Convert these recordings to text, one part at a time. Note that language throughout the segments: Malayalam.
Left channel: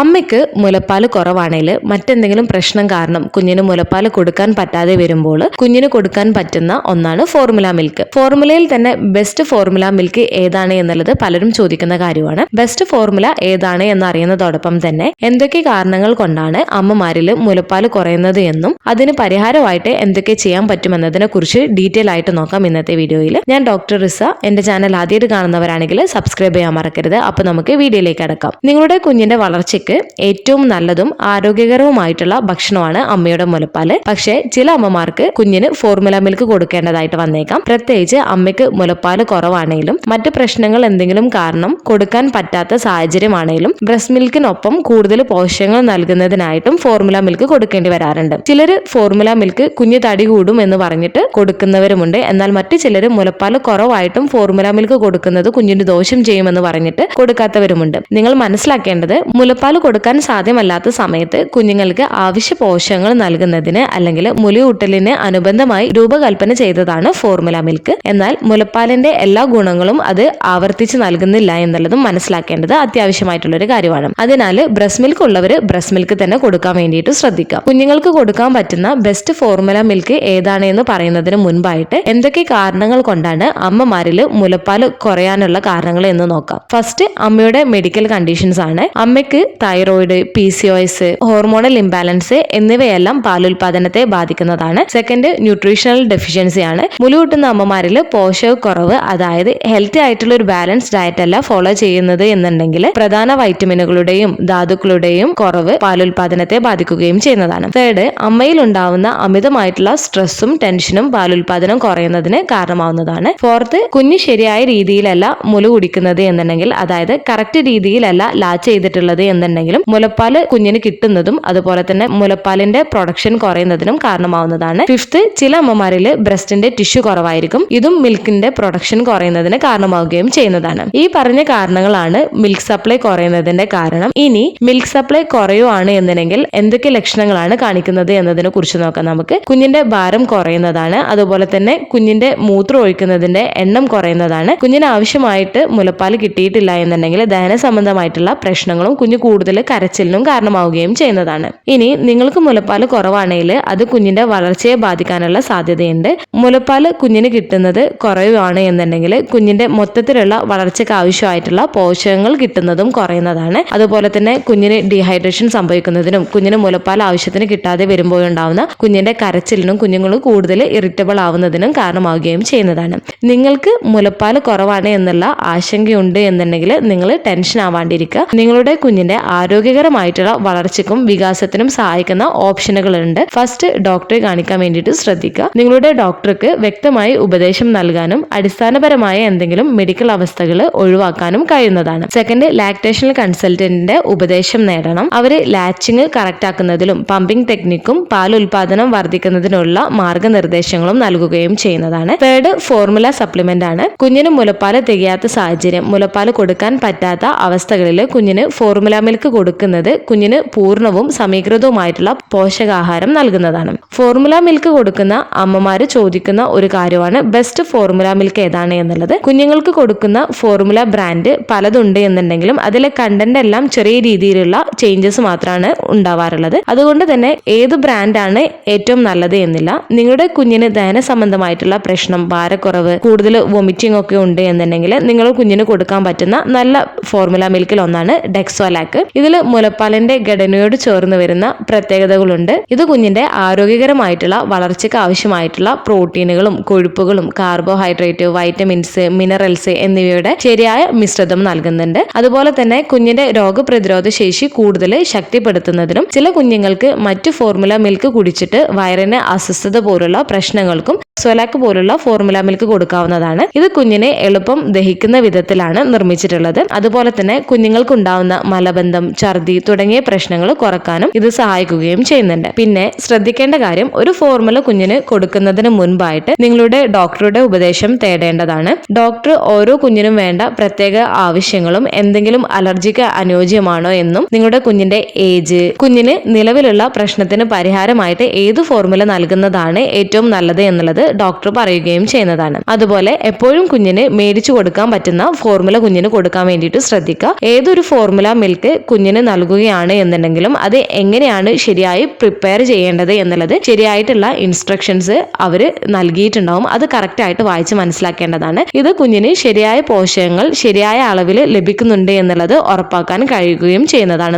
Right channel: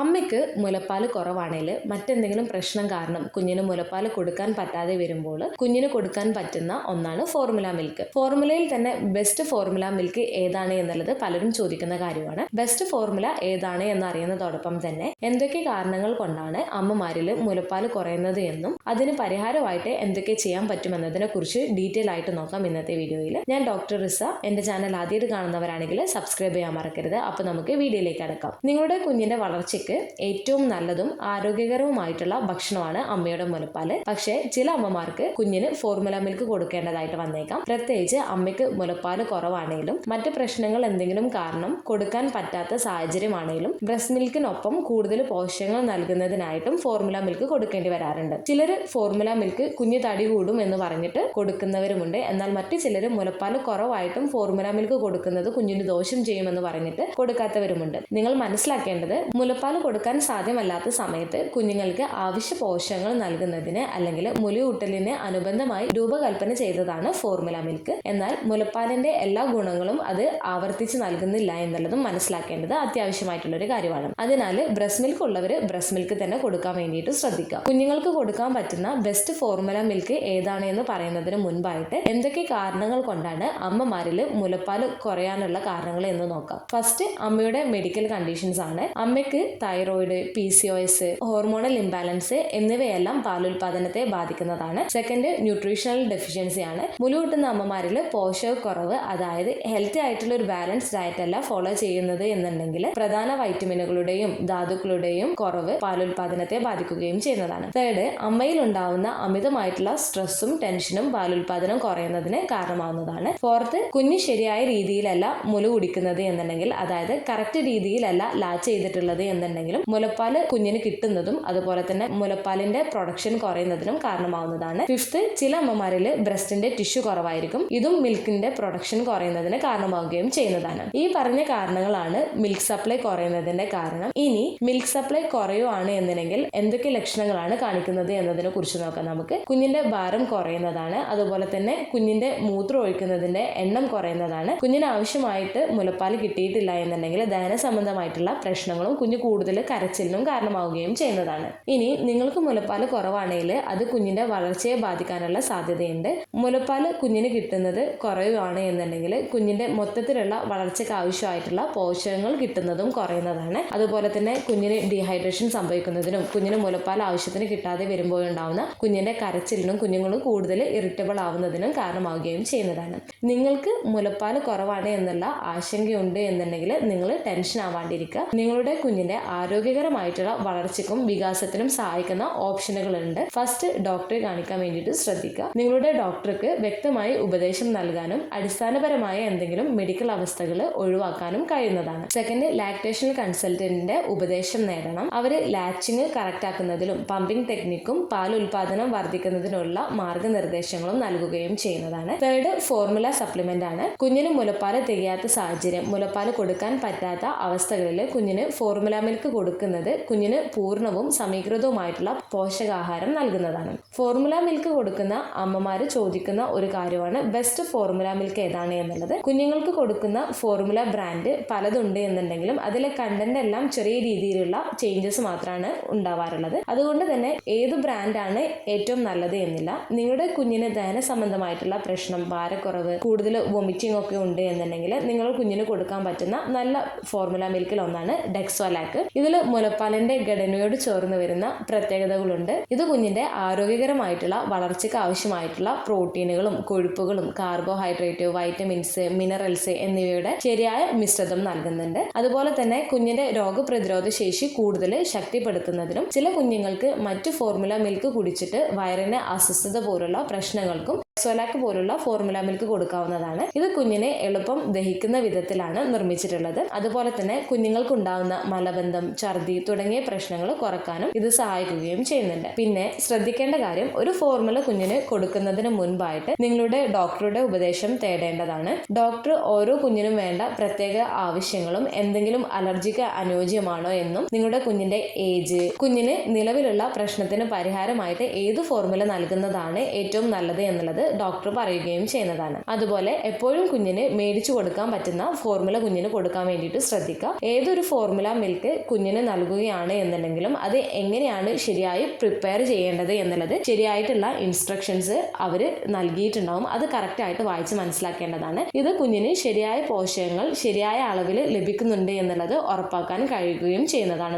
അമ്മയ്ക്ക് മുലപ്പാൽ കുറവാണെങ്കിൽ മറ്റെന്തെങ്കിലും പ്രശ്നം കാരണം കുഞ്ഞിന് മുലപ്പാൽ കൊടുക്കാൻ പറ്റാതെ വരുമ്പോൾ കുഞ്ഞിന് കൊടുക്കാൻ പറ്റുന്ന ഒന്നാണ് ഫോർമുല മിൽക്ക്. ഫോർമുലയിൽ തന്നെ ബെസ്റ്റ് ഫോർമുല മിൽക്ക് ഏതാണ് എന്നുള്ളത് പലരും ചോദിക്കുന്ന കാര്യമാണ്. ബെസ്റ്റ് ഫോർമുല ഏതാണ് എന്നറിയുന്നതോടൊപ്പം തന്നെ എന്തൊക്കെ കാരണങ്ങൾ കൊണ്ടാണ് അമ്മമാരിൽ മുലപ്പാൽ കുറയുന്നത് എന്നും അതിന് പരിഹാരമായിട്ട് എന്തൊക്കെ ചെയ്യാൻ പറ്റുമെന്നതിനെ കുറിച്ച് ഡീറ്റെയിൽ ആയിട്ട് നോക്കാം ഇന്നത്തെ വീഡിയോയിൽ. ഞാൻ ഡോക്ടർ റിസ. എന്റെ ചാനൽ ആദ്യമായിട്ട് കാണുന്നവരാണെങ്കിൽ സബ്സ്ക്രൈബ് ചെയ്യാൻ മറക്കരുത്. അപ്പൊ നമുക്ക് വീഡിയോയിലേക്ക് കടക്കാം. നിങ്ങളുടെ കുഞ്ഞിന്റെ വളർച്ചയ്ക്ക് ഏറ്റവും നല്ലതും ആരോഗ്യകരവുമായിട്ടുള്ള ഭക്ഷണമാണ് അമ്മയുടെ മുലപ്പാല്. പക്ഷേ ചില അമ്മമാർക്ക് കുഞ്ഞിന് ഫോർമുല മിൽക്ക് കൊടുക്കേണ്ടതായിട്ട് വന്നേക്കാം. പ്രത്യേകിച്ച് അമ്മയ്ക്ക് മുലപ്പാല് കുറവാണെങ്കിലും മറ്റ് പ്രശ്നങ്ങൾ എന്തെങ്കിലും കാരണം കൊടുക്കാൻ പറ്റാത്ത സാഹചര്യമാണെങ്കിലും ബ്രസ്റ്റ് മിൽക്കിനൊപ്പം കൂടുതൽ പോഷകങ്ങൾ നൽകുന്നതിനായിട്ടും ഫോർമുല മിൽക്ക് കൊടുക്കേണ്ടി വരാറുണ്ട്. ചിലർ ഫോർമുല മിൽക്ക് കുഞ്ഞ് തടി കൂടും എന്ന് പറഞ്ഞിട്ട് കൊടുക്കുന്നവരുമുണ്ട്. എന്നാൽ മറ്റു ചിലർ മുലപ്പാല് കുറവായിട്ടും ഫോർമുല മിൽക്ക് കൊടുക്കുന്നത് കുഞ്ഞിന് ദോഷം ചെയ്യുമെന്ന് പറഞ്ഞിട്ട് കൊടുക്കാത്തവരുമുണ്ട്. നിങ്ങൾ മനസ്സിലാക്കേണ്ടത് മുലപ്പാല് കൊടുക്കാൻ സാധ്യമല്ലാത്ത സമയത്ത് കുഞ്ഞുങ്ങൾക്ക് ആവശ്യ പോഷകങ്ങൾ നൽകുന്നതിന് അല്ലെങ്കിൽ മുലയൂട്ടലിന് അനുബന്ധമായി രൂപകൽപ്പന ചെയ്തതാണ് ഫോർമുല മിൽക്ക്. എന്നാൽ മുലപ്പാലിന്റെ എല്ലാ ഗുണങ്ങളും അത് ആവർത്തിച്ച് നൽകുന്നില്ല എന്നുള്ളതും മനസ്സിലാക്കേണ്ടത് അത്യാവശ്യമായിട്ടുള്ള ഒരു കാര്യമാണ്. അതിനാൽ ബ്രസ്റ്റ് മിൽക്ക് ഉള്ളവർ ബ്രസ്റ്റ് മിൽക്ക് തന്നെ കൊടുക്കാൻ വേണ്ടിയിട്ട് ശ്രദ്ധിക്കുക. കുഞ്ഞുങ്ങൾക്ക് കൊടുക്കാൻ പറ്റുന്ന ബെസ്റ്റ് ഫോർമുല മിൽക്ക് ഏതാണ് എന്ന് പറയുന്നതിന് മുൻപായിട്ട് എന്തൊക്കെ കാരണങ്ങൾ കൊണ്ടാണ് അമ്മമാരിൽ മുലപ്പാൽ കുറയാനുള്ള കാരണങ്ങൾ എന്ന് നോക്കാം. ഫസ്റ്റ്, അമ്മയുടെ മെഡിക്കൽ കണ്ടീഷൻസ് ആണ്. അമ്മയ്ക്ക് തൈറോയിഡ്, PCOS, ഹോർമോണൽ ഇംബാലൻസ് എന്നിവയെല്ലാം പാലുൽപാദനത്തെ ബാധിക്കുന്നതാണ്. സെക്കൻഡ്, ന്യൂട്രീഷണൽ ഡെഫിഷ്യൻസി ആണ്. മുലയൂട്ടുന്ന അമ്മമാരിൽ പോഷകക്കുറവ്, അതായത് ഹെൽത്തി ആയിട്ടുള്ള ഒരു ബാലൻസ് ഡയറ്റ് അല്ല ഫോളോ ചെയ്യുന്നത് എന്നുണ്ടെങ്കിൽ പ്രധാന വൈറ്റമിനുകളുടെയും ധാതുക്കളുടെയും കുറവ് പാലുൽപാദനത്തെ ബാധിക്കുകയും ചെയ്യുന്നതാണ്. തേർഡ്, അമ്മയിൽ ഉണ്ടാവുന്ന അമിതമായിട്ടുള്ള സ്ട്രെസ്സും ടെൻഷനും പാലുൽപാദനം കുറയുന്നതിന് കാരണമാവുന്നതാണ്. ഫോർത്ത്, കുഞ്ഞ് ശരിയായ രീതിയിലല്ല മുല കുടിക്കുന്നത് എന്നുണ്ടെങ്കിൽ, അതായത് കറക്റ്റ് രീതിയിലല്ല ലാച്ച് ചെയ്തിട്ടുള്ളത് എന്നുണ്ടെങ്കിലും മുലപ്പാല് കുഞ്ഞിന് കിട്ടുന്നതും അതുപോലെ തന്നെ മുലപ്പാലിന്റെ പ്രൊഡക്ഷൻ കുറയുന്നതിനും കാരണമാവുന്നതാണ്. ഫിഫ്ത്ത്, ചില അമ്മമാരിൽ ബ്രസ്റ്റിന്റെ ടിഷ്യൂ കുറവായിരിക്കും. ഇതും മിൽക്കിന്റെ പ്രൊഡക്ഷൻ കുറയുന്നതിന് കാരണമാവുകയും ചെയ്യുന്നതാണ്. ഈ പറഞ്ഞ കാരണങ്ങളാണ് മിൽക്ക് സപ്ലൈ കുറയുന്നതിന്റെ കാരണം. ഇനി മിൽക്ക് സപ്ലൈ കുറയുവാണ് എന്നുണ്ടെങ്കിൽ എന്തൊക്കെ ലക്ഷണങ്ങളാണ് കാണിക്കുന്നത് എന്നതിനെ കുറിച്ച് നോക്കാം നമുക്ക്. കുഞ്ഞിന്റെ ഭാരം കുറയുന്നതാണ്. അതുപോലെ തന്നെ കുഞ്ഞിന്റെ മൂത്രം ഒഴിക്കുന്നതിന്റെ എണ്ണം കുറയുന്നതാണ്. കുഞ്ഞിന് ആവശ്യമായിട്ട് മുലപ്പാൽ കിട്ടിയിട്ടില്ല എന്നുണ്ടെങ്കിൽ ദഹന സംബന്ധമായിട്ടുള്ള പ്രശ്നങ്ങളും കുഞ്ഞ് കൂടുതൽ കരച്ചിലിനും കാരണമാവുകയും ചെയ്യുന്നതാണ്. ഇനി നിങ്ങൾക്ക് മുലപ്പാൽ കുറവാണെങ്കിൽ അത് കുഞ്ഞിന്റെ വളർച്ചയെ ബാധിക്കാനുള്ള സാധ്യതയുണ്ട്. മുലപ്പാൽ കുഞ്ഞിന് കിട്ടുന്നത് കുറവാണ് എന്നുണ്ടെങ്കിൽ കുഞ്ഞിന്റെ മൊത്തത്തിലുള്ള വളർച്ചയ്ക്ക് ആവശ്യമായിട്ടുള്ള പോഷകങ്ങൾ കിട്ടുന്നതും കുറയുന്നതാണ്. അതുപോലെ തന്നെ കുഞ്ഞിന് ഡീഹൈഡ്രേഷൻ സംഭവിക്കുന്നതിനും കുഞ്ഞിന് മുലപ്പാൽ ആവശ്യത്തിന് കിട്ടാതെ വരുമ്പോഴുണ്ടാവുന്ന കുഞ്ഞിന്റെ കരച്ചിലിനും കുഞ്ഞുങ്ങൾ കൂടുതൽ ഇറിറ്റബിൾ ആവുന്നതിനും കാരണമാവുകയും ചെയ്യുന്നതാണ്. നിങ്ങൾക്ക് മുലപ്പാൽ കുറവാണ് എന്നുള്ള ആശങ്കയുണ്ട് എന്നുണ്ടെങ്കിൽ നിങ്ങൾ ടെൻഷൻ ആവാണ്ടിരിക്കുക. നിങ്ങളുടെ കുഞ്ഞിന്റെ ആരോഗ്യകരമായിട്ടുള്ള വളർച്ചയ്ക്കും വികാസത്തിനും സഹായിക്കുന്ന ഓപ്ഷനുകളുണ്ട്. ഫസ്റ്റ്, ഡോക്ടറെ കാണിക്കാൻ വേണ്ടിയിട്ട് ശ്രദ്ധിക്കുക. നിങ്ങളുടെ ഡോക്ടർക്ക് വ്യക്തമായി ഉപദേശം നൽകാനും അടിസ്ഥാനപരമായ എന്തെങ്കിലും മെഡിക്കൽ അവസ്ഥകൾ ഒഴിവാക്കാനും കഴിയുന്നതാണ്. സെക്കൻഡ്, ലാക്ടേഷണൽ കൺസൾട്ടന്റിന്റെ ഉപദേശം നേടണം. അവര് ലാച്ചിങ് കറക്റ്റ് ആക്കുന്നതിലും പമ്പിംഗ് ടെക്നിക്കും പാൽ ഉൽപാദനം വർദ്ധിക്കുന്നതിനുള്ള മാർഗനിർദ്ദേശങ്ങളും നൽകുകയും ചെയ്യുന്നതാണ്. തേർഡ്, ഫോർമുല സപ്ലിമെന്റ് ആണ്. കുഞ്ഞിന് മുലപ്പാൽ തികയാത്ത സാഹചര്യം, മുലപ്പാൽ കൊടുക്കാൻ പറ്റാത്ത അവസ്ഥകളിൽ കുഞ്ഞിന് ഫോർമുല മിൽക്ക് കൊടുക്കുന്നത് കുഞ്ഞിന് പൂർണ്ണവും സമീകൃതവുമായിട്ടുള്ള പോഷകാഹാരം നൽകുന്നതാണ്. ഫോർമുല മിൽക്ക് കൊടുക്കുന്ന അമ്മമാര് ചോദിക്കുന്ന ഒരു കാര്യമാണ് ബെസ്റ്റ് ഫോർമുല മിൽക്ക് ഏതാണ് എന്നുള്ളത്. കുഞ്ഞുങ്ങൾക്ക് കൊടുക്കുന്ന ഫോർമുല ബ്രാൻഡ് പലതുണ്ട് എന്നുണ്ടെങ്കിലും അതിലെ കണ്ടന്റ് എല്ലാം ചെറിയ രീതിയിലുള്ള ചേഞ്ചസ് മാത്രമാണ് ഉണ്ടാവാറുള്ളത്. അതുകൊണ്ട് തന്നെ ഏത് ബ്രാൻഡാണ് ഏറ്റവും നല്ലത് എന്നില്ല. നിങ്ങളുടെ കുഞ്ഞിന് ദഹന സംബന്ധമായിട്ടുള്ള പ്രശ്നം, ഭാരക്കുറവ്, കൂടുതൽ വൊമിറ്റിംഗ് ഒക്കെ ഉണ്ട് എന്നുണ്ടെങ്കിൽ നിങ്ങൾ കുഞ്ഞിന് കൊടുക്കാൻ പറ്റുന്ന നല്ല ഫോർമുല മിൽക്കിൽ ഒന്നാണ് ഡെക്സോലാക്ക്. ഇതിൽ മുലപ്പാലിന്റെ ഘടനയോട് ചേർന്ന് വരുന്ന പ്രത്യേകതകളുണ്ട്. ഇത് കുഞ്ഞിന്റെ ആരോഗ്യകരമായിട്ടുള്ള വളർച്ചയ്ക്ക് ആവശ്യമായിട്ടുള്ള പ്രോട്ടീനുകളും കൊഴുപ്പുകളും കാർബോഹൈഡ്രേറ്റ്, വൈറ്റമിൻസ്, മിനറൽസ് എന്നിവയുടെ ശരിയായ മിശ്രിതം നൽകുന്നുണ്ട്. അതുപോലെ തന്നെ കുഞ്ഞിന്റെ രോഗപ്രതിരോധ ശേഷി കൂടുതൽ ശക്തിപ്പെടുത്തുന്നതിനും ചില കുഞ്ഞുങ്ങൾക്ക് മറ്റു ഫോർമുല മിൽക്ക് കുടിച്ചിട്ട് വയറിന് അസ്വസ്ഥത പോലുള്ള പ്രശ്നങ്ങൾക്കും സൊലാക്ക് പോലുള്ള ഫോർമുല മിൽക്ക് കൊടുക്കാവുന്നതാണ്. ഇത് കുഞ്ഞിനെ എളുപ്പം ദഹിക്കുന്ന വിധത്തിലാണ് നിർമ്മിച്ചിട്ടുള്ളത്. അതുപോലെ തന്നെ കുഞ്ഞുങ്ങൾക്ക് ഉണ്ടാവുന്ന മലബന്ധം, ഛർദി തുടങ്ങിയ പ്രശ്നങ്ങൾ കുറക്കാനും ഇത് സഹായിക്കുകയും ചെയ്യുന്നുണ്ട്. പിന്നെ ശ്രദ്ധിക്കേണ്ട കാര്യം, ഒരു ഫോർമുല കുഞ്ഞിന് കൊടുക്കുന്നതിന് മുൻപായിട്ട് നിങ്ങളുടെ ഡോക്ടറുടെ ഉപദേശം തേടേണ്ടതാണ്. ഡോക്ടർ ഓരോ കുഞ്ഞിനും വേണ്ട പ്രത്യേക ആവശ്യങ്ങളും എന്തെങ്കിലും അലർജിക്ക് അനുയോജ്യമാണോ എന്നും നിങ്ങളുടെ കുഞ്ഞിന്റെ ഏജ്, കുഞ്ഞിന് നിലവിലുള്ള പ്രശ്നത്തിന് പരിഹാരമായിട്ട് ഏത് ഫോർമുല നൽകുന്നതാണ് ഏറ്റവും നല്ലത് എന്നുള്ളത് ഡോക്ടർ പറയുകയും ചെയ്യുന്നതാണ്. അതുപോലെ എപ്പോഴും കുഞ്ഞിന് മേടിച്ചു കൊടുക്കാൻ പറ്റുന്ന ഫോർമുല കുഞ്ഞിന് കൊടുക്കാൻ വേണ്ടിയിട്ട് ശ്രദ്ധിക്കുക. ഏതൊരു ഫോർമുല മിൽക്ക് കുഞ്ഞിന് നൽകുകയാണ് എന്നുണ്ടെങ്കിലും അത് എങ്ങനെയാണ് ശരിയായി പ്രിപ്പയർ ചെയ്യേണ്ടത് എന്നുള്ളത് ശരിയായിട്ടുള്ള ഇൻസ്ട്രക്ഷൻസ് അവർ നൽകിയിട്ടുണ്ടാവും. അത് കറക്റ്റായിട്ട് വായിച്ച് മനസ്സിലാക്കേണ്ടതാണ്. ഇത് കുഞ്ഞിന് ശരിയായ പോഷകങ്ങൾ ശരിയായ അളവിൽ ലഭിക്കുന്നുണ്ട് എന്നുള്ളത് ഉറപ്പാക്കാൻ കഴിയുകയും ചെയ്യുന്നതാണ്.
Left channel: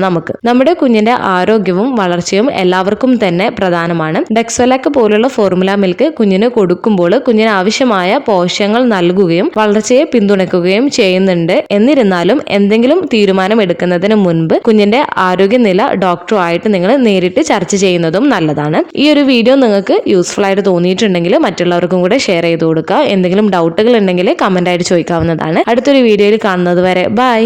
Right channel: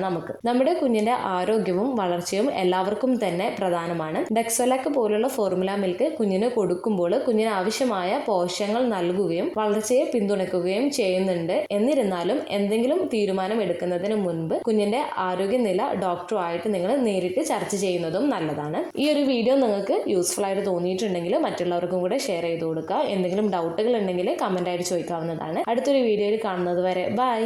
നമ്മുടെ കുഞ്ഞിന്റെ ആരോഗ്യവും വളർച്ചയും എല്ലാവർക്കും തന്നെ പ്രധാനമാണ്. ഡെക്സോലാക്ക് പോലുള്ള ഫോർമുല മിൽക്ക് കുഞ്ഞിന് കൊടുക്കുമ്പോൾ കുഞ്ഞിന് ആവശ്യമായ പോഷകങ്ങൾ നൽകുകയും വളർച്ചയെ പിന്തുണയ്ക്കുകയും ചെയ്യുന്നുണ്ട്. എന്നിരുന്നാലും എന്തെങ്കിലും തീരുമാനം എടുക്കുന്നതിന് മുൻപ് കുഞ്ഞിന്റെ ആരോഗ്യനില ഡോക്ടറുമായിട്ട് നിങ്ങൾ നേരിട്ട് ചർച്ച ചെയ്യുന്നതും നല്ലതാണ്. ഈ ഒരു വീഡിയോ നിങ്ങൾക്ക് യൂസ്ഫുൾ ആയിട്ട് തോന്നിയിട്ടുണ്ടെങ്കിൽ മറ്റുള്ളവർക്കും കൂടെ ഷെയർ ചെയ്ത് കൊടുക്കുക. എന്തെങ്കിലും ഡൗട്ടുകൾ ഉണ്ടെങ്കിൽ കമന്റ് ആയിട്ട് ചോദിക്കാവുന്നതാണ്. അടുത്തൊരു വീഡിയോയിൽ കാണുന്നത് വരെ ബൈ.